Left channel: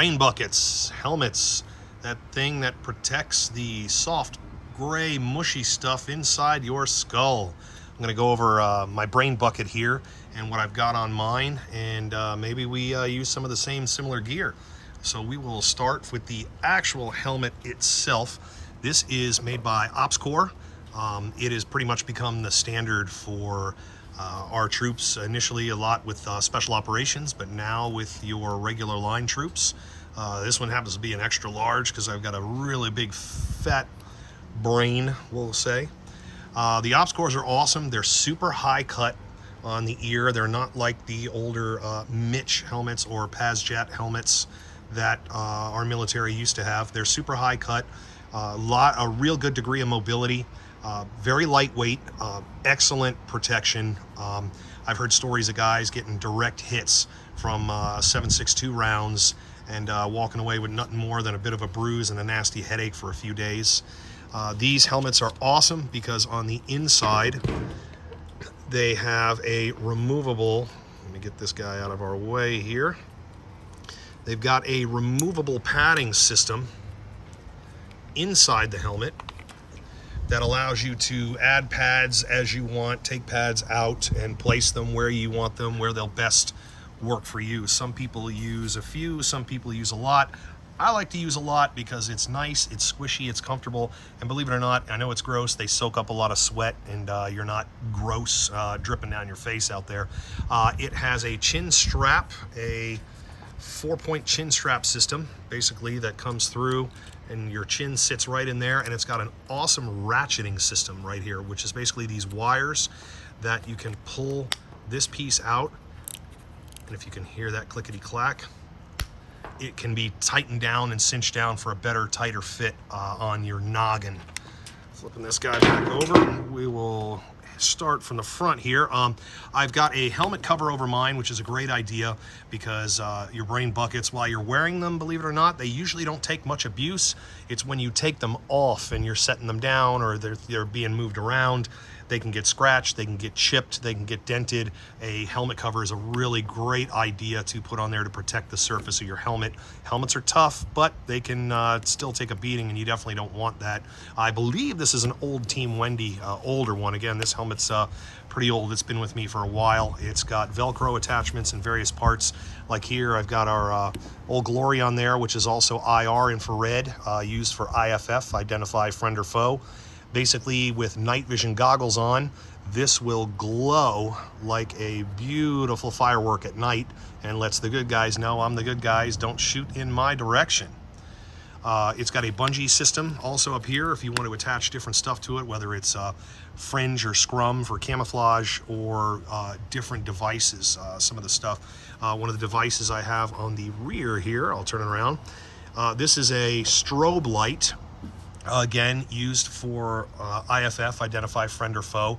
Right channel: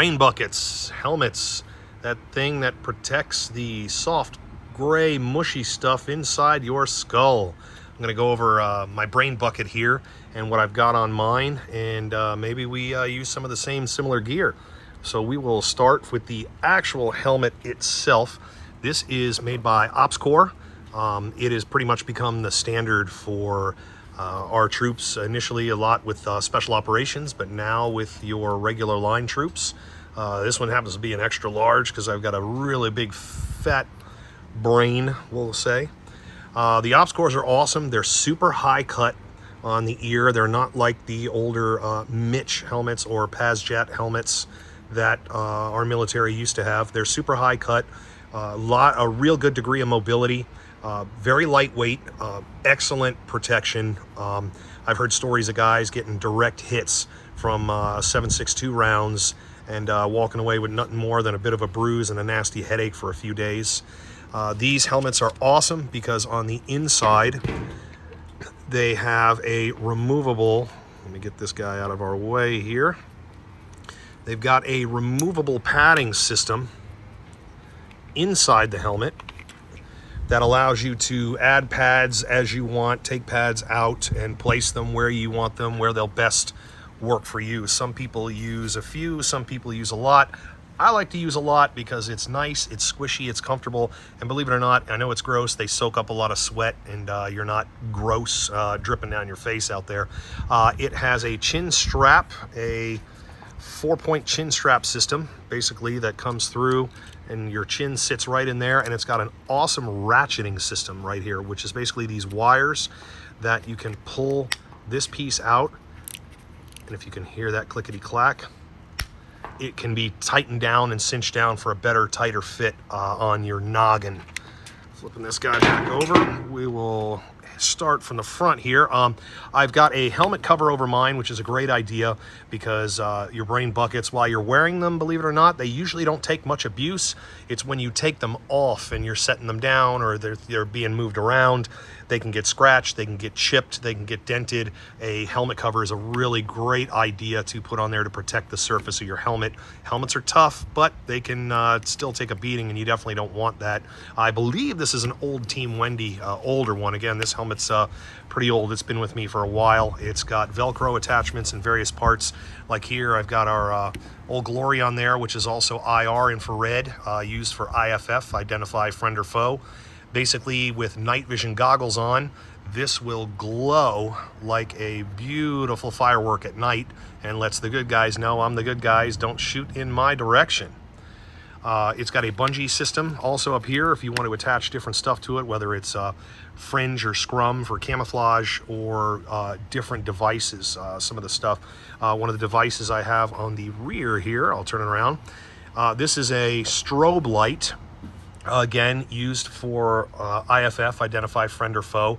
brain buckets, helmets, that thing that protects the soft, gray, mushy stuff inside your skull. I'm gonna go over my brain bucket here and what I've got on mine, and maybe we use some of the similar gear. So we will start with the actual helmet itself. This is made by OpsCore. It has pretty much become the standard for our troops, initially a lot with special operations, but now with your regular line troops. This one happens to be an extra large because I've got a really big fat brain, we'll say. The OpsCores are awesome. They're super high cut on the ear. They're not like the older Mitch helmets or PazJet helmets that our military used to have. They're super high cut, a real good degree of mobility, very lightweight, excellent protection. I've heard stories of guys getting direct hits from 7.62 rounds and walking away with nothing more than a bit of a bruise and a nasty headache for a few days. These helmets are awesome because on the inside they have a removable, let me get this guy out of our way here. They've got a removable padding system inside the helmet that allows you to add pads as you want, take pads out and place them where you want them, where they'll best work for you. Some people use a few, some people use a lot. I like to use a lot because it's nice, it's squishy, it's comfortable, and believe it or not, I know it's gross, they soak up a lot of sweat, and you're not gross dripping down your face out there. It has a chin strap, a 4-point chin strap system, basically, that comes through and your chin sits right in there, and it's got an awesome ratcheting system right here, which is basically these wires that you can pull this piece out, and if you can hear that clickety clack, it can be tightened down and cinched down for a better, tighter fit on your noggin. Flipping this guy back over, we will start from the front here. I've got a helmet cover over mine, which is a great idea because your brain buckets, while you're wearing them, believe it or not, they usually don't take much abuse. It's when you take them off and you're setting them down or they're being moved around, they can get scratched, they can get chipped, they can get dented. A helmet cover is a really great idea to put on there to protect the surface of your helmet. Helmets are tough, but they can still take a beating, and you definitely don't want that. I believe this is an old Team Wendy, older one. Again, this helmet's pretty old. It's been with me for a while. It's got Velcro attachments in various parts. Like here, I've got our Old Glory on there, which is also IR, infrared, used for IFF, identify friend or foe. Basically, with night vision goggles on, this will glow like a beautiful firework at night and lets the good guys know I'm the good guys, don't shoot in my direction. It's got a bungee system also up here if you want to attach different stuff to it, whether it's fringe or scrum for camouflage or different devices. Some of the stuff, one of the devices I have on the rear here, I'll turn it around. This is a strobe light. Again, used for IFF, identify friend or foe.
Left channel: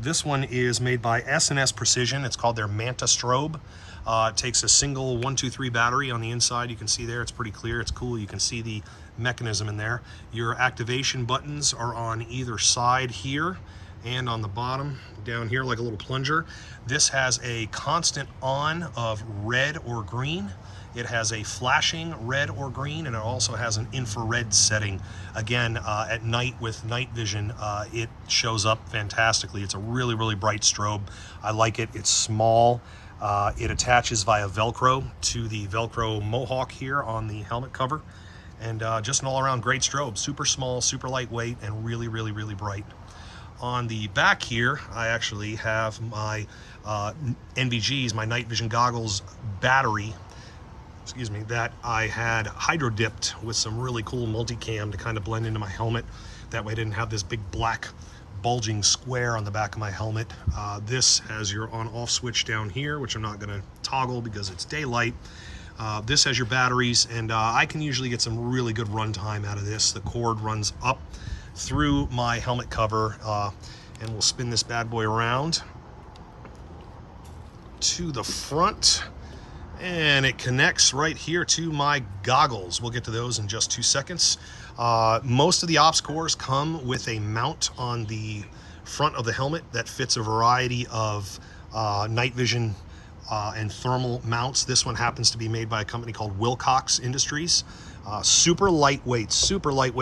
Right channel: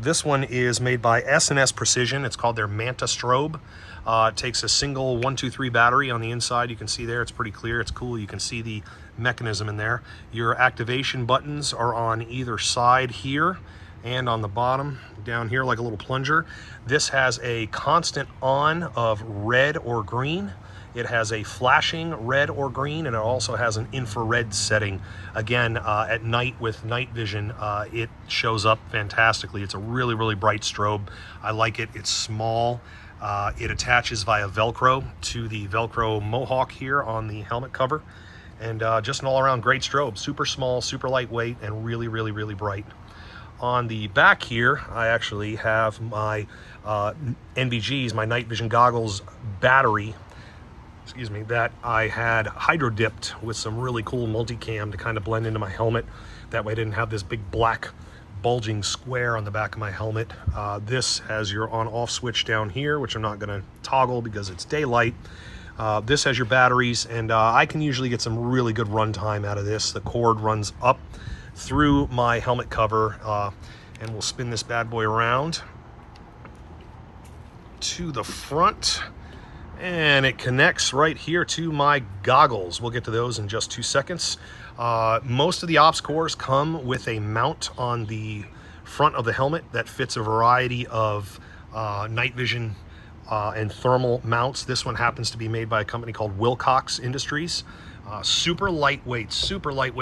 This one is made by S&S Precision. It's called their Manta Strobe. It takes a single 123 battery on the inside. You can see there, it's pretty clear, it's cool. You can see the mechanism in there. Your activation buttons are on either side here and on the bottom down here like a little plunger. This has a constant on of red or green. It has a flashing red or green, and it also has an infrared setting. Again, at night with night vision, it shows up fantastically. It's a really, really bright strobe. I like it. It's small. It attaches via Velcro to the Velcro Mohawk here on the helmet cover. And just an all-around great strobe. Super small, super lightweight, and really, really, really bright. On the back here, I actually have my NVGs, my night vision goggles battery, that I had hydro dipped with some really cool multicam to kind of blend into my helmet. That way I didn't have this big black bulging square on the back of my helmet. This has your on-off switch down here, which I'm not going to toggle because it's daylight. This has your batteries, and I can usually get some really good runtime out of this. The cord runs up through my helmet cover, and we'll spin this bad boy around to the front. And it connects right here to my goggles. We'll get to those in just 2 seconds. Most of the OpsCores come with a mount on the front of the helmet that fits a variety of night vision and thermal mounts. This one happens to be made by a company called Wilcox Industries. Super lightweight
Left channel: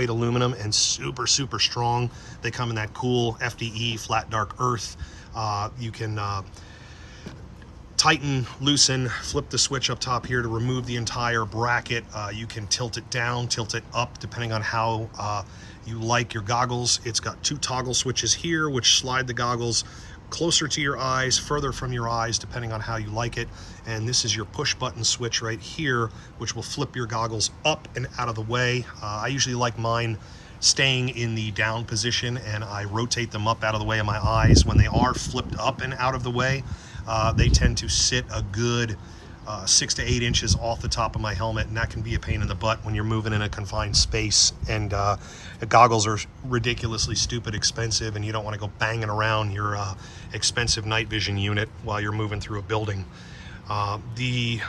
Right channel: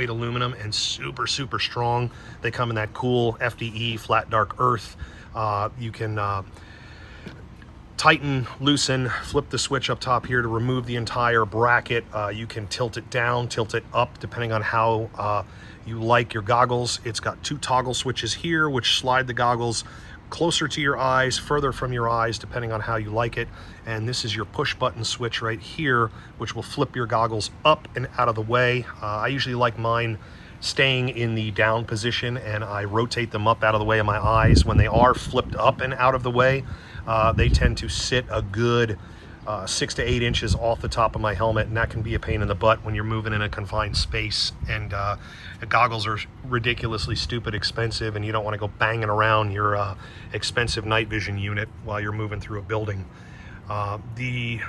aluminum, and super strong. They come in that cool FDE, flat dark earth. You can tighten, loosen, flip the switch up top here to remove the entire bracket. You can tilt it down, tilt it up, depending on how you like your goggles. It's got 2 toggle switches here, which slide the goggles closer to your eyes, further from your eyes, depending on how you like it. And this is your push button switch right here, which will flip your goggles up and out of the way. I usually like mine staying in the down position, and I rotate them up out of the way of my eyes. When they are flipped up and out of the way, they tend to sit a good 6 to 8 inches off the top of my helmet, and that can be a pain in the butt when you're moving in a confined space. And the goggles are ridiculously stupid expensive, and you don't want to go banging around your expensive night vision unit while you're moving through a building. The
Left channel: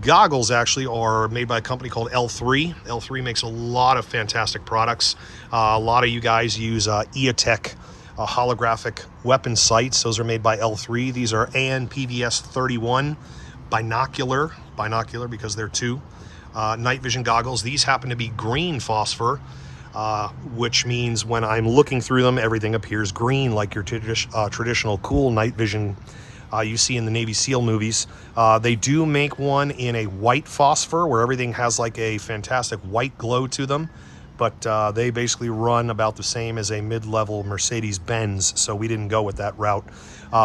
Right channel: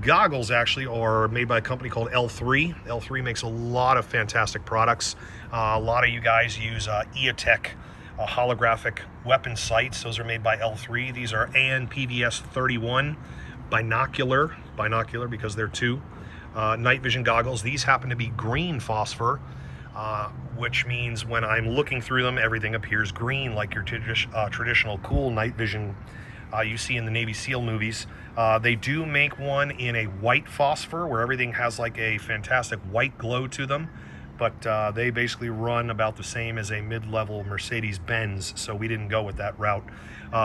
goggles actually are made by a company called L3. L3 makes a lot of fantastic products. A lot of you guys use EOTech holographic weapon sights. Those are made by L3. These are AN-PVS 31 binocular because they're 2 night vision goggles. These happen to be green phosphor, which means when I'm looking through them, everything appears green, like your traditional cool night vision you see in the Navy SEAL movies. They do make one in a white phosphor where everything has like a fantastic white glow to them, but they basically run about the same as a mid-level Mercedes-Benz, so we didn't go with that route.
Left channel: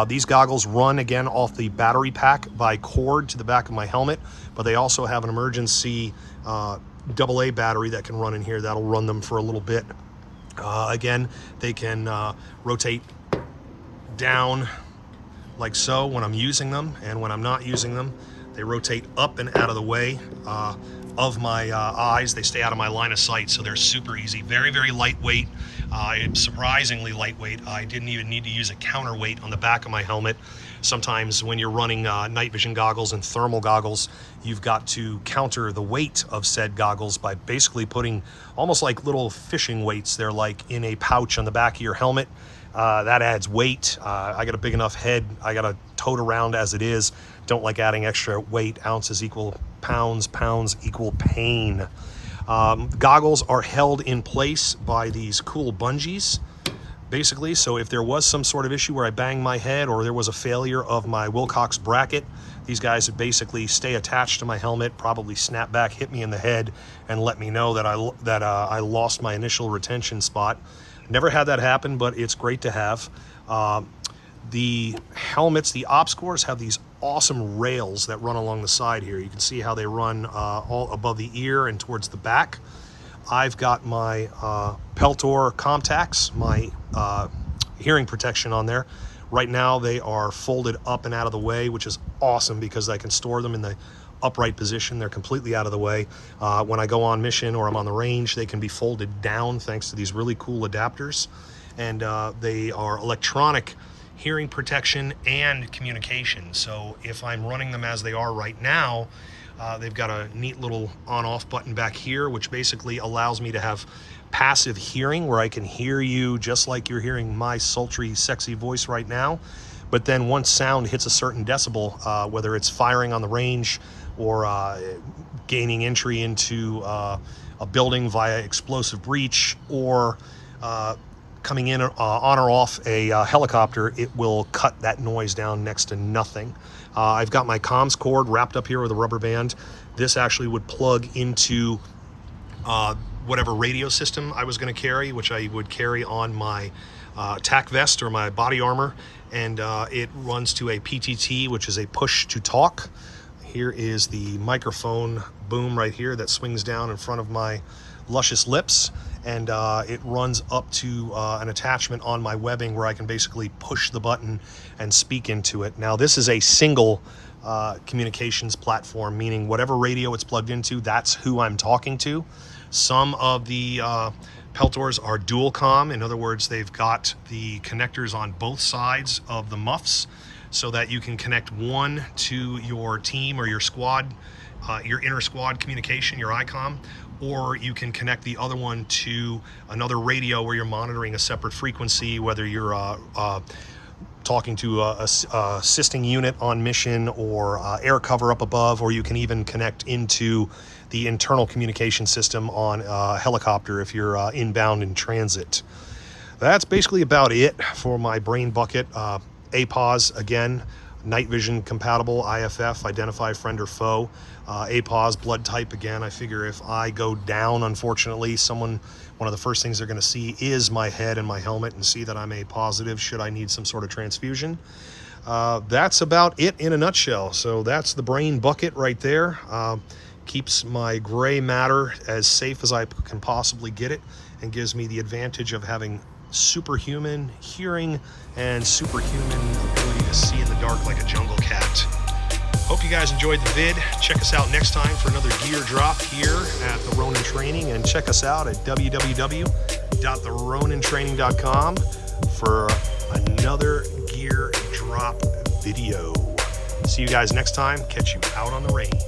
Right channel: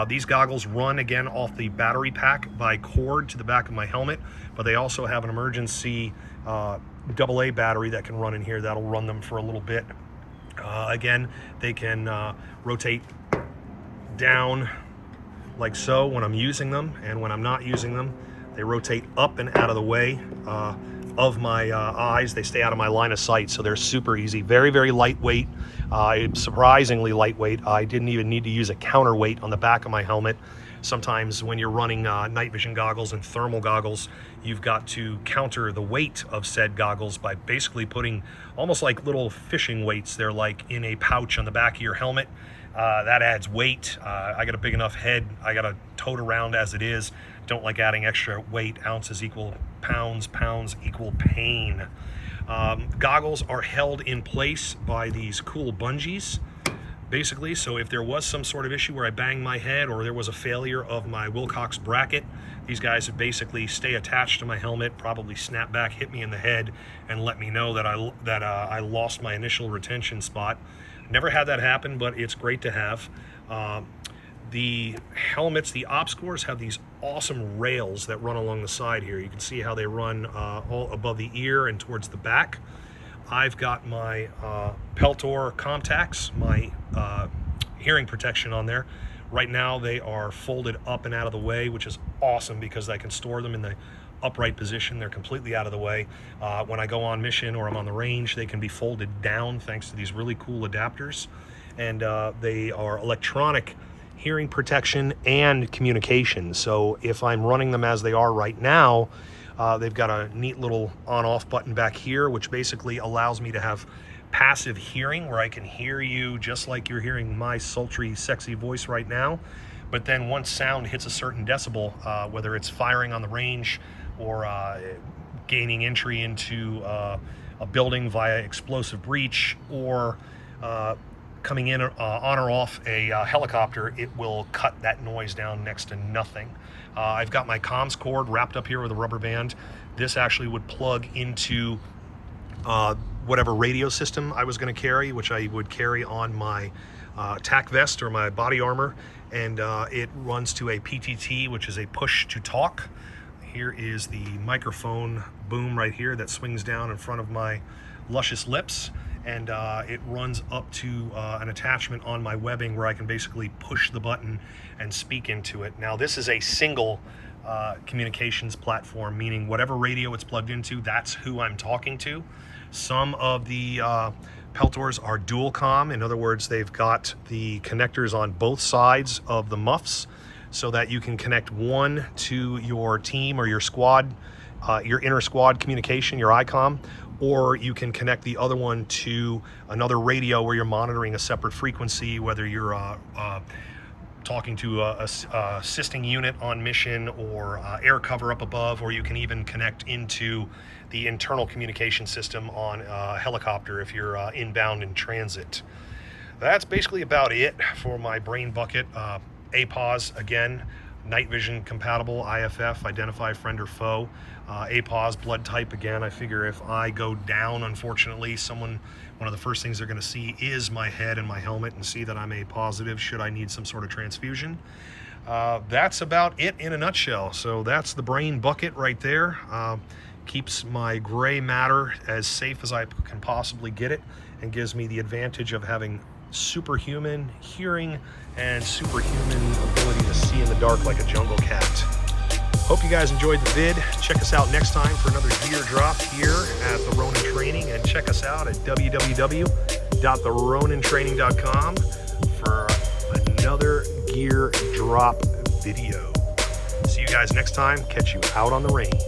These goggles run again off the battery pack by cord to the back of my helmet, but they also have an emergency AA battery that can run in here. That'll run them for a little bit. Again, they can rotate down like so when I'm using them, and when I'm not using them, they rotate up and out of the way of my eyes. They stay out of my line of sight, so they're super easy. Very lightweight, surprisingly lightweight. I didn't even need to use a counterweight on the back of my helmet. Sometimes when you're running night vision goggles and thermal goggles, you've got to counter the weight of said goggles by basically putting almost like little fishing weights. They're like in a pouch on the back of your helmet. That adds weight. I got a big enough head. I got to tote around as it is. Don't like adding extra weight. Ounces equal pounds, pounds equal pain. Goggles are held in place by these cool bungees, basically. So if there was some sort of issue where I banged my head or there was a failure of my Wilcox bracket, these guys would basically stay attached to my helmet, probably snap back, hit me in the head, and let me know that I lost my initial retention spot. Never had that happen, but it's great to have. The helmets, the OpsCores, have these awesome rails that run along the side here. You can see how they run all above the ear and towards the back. I've got my Peltor Comtacs, my hearing protection on there. Right now they are folded up and out of the way, which is awesome because I can store them in the upright position. They're completely out of the way. When I go on mission or I'm on the range, they can be folded down thanks to these really cool adapters. And they are electronic hearing protection and communication. So if I'm running them as they are right now, they've got a neat little on-off button back here, which basically allows me to have passive hearing where I can hear you just like you're hearing my sultry, sexy voice right now. But then once sound hits a certain decibel, whether it's firing on the range or gaining entry into a building via explosive breach, or coming in on or off a helicopter, it will cut that noise down next to nothing. I've got my comms cord wrapped up here with a rubber band. This actually would plug into whatever radio system I was going to carry, which I would carry on my tack vest or my body armor, and it runs to a PTT, which is a push to talk. Here is the microphone boom right here that swings down in front of my luscious lips, and it runs up to an attachment on my webbing where I can basically push the button and speak into it. Now this is a single communications platform, meaning whatever radio it's plugged into, that's who I'm talking to. Some of the Peltors are dual comm. In other words, they've got the connectors on both sides of the muffs so that you can connect one to your team or your squad, your inner squad communication, your ICOM, or you can connect the other one to another radio where you're monitoring a separate frequency, whether you're talking to a assisting unit on mission, or air cover up above, or you can even connect into the internal communication system on a helicopter if you're inbound in transit. That's basically about it for my brain bucket. APAWS, again, night vision compatible, IFF, identify friend or foe. APAWS, blood type, again, I figure if I go down, unfortunately, one of the first things they're going to see is my head and my helmet and see that I'm A positive should I need some sort of transfusion. That's about it in a nutshell. So that's the brain bucket right there. Keeps my gray matter as safe as I can possibly get it, and gives me the advantage of having superhuman hearing and superhuman ability to see in the dark like a jungle cat. Hope you guys enjoyed the vid. Check us out next time for another gear drop here at the Ronin Training, and check us out at www.theronintraining.com for another gear drop video. See you guys next time. Catch you out on the range.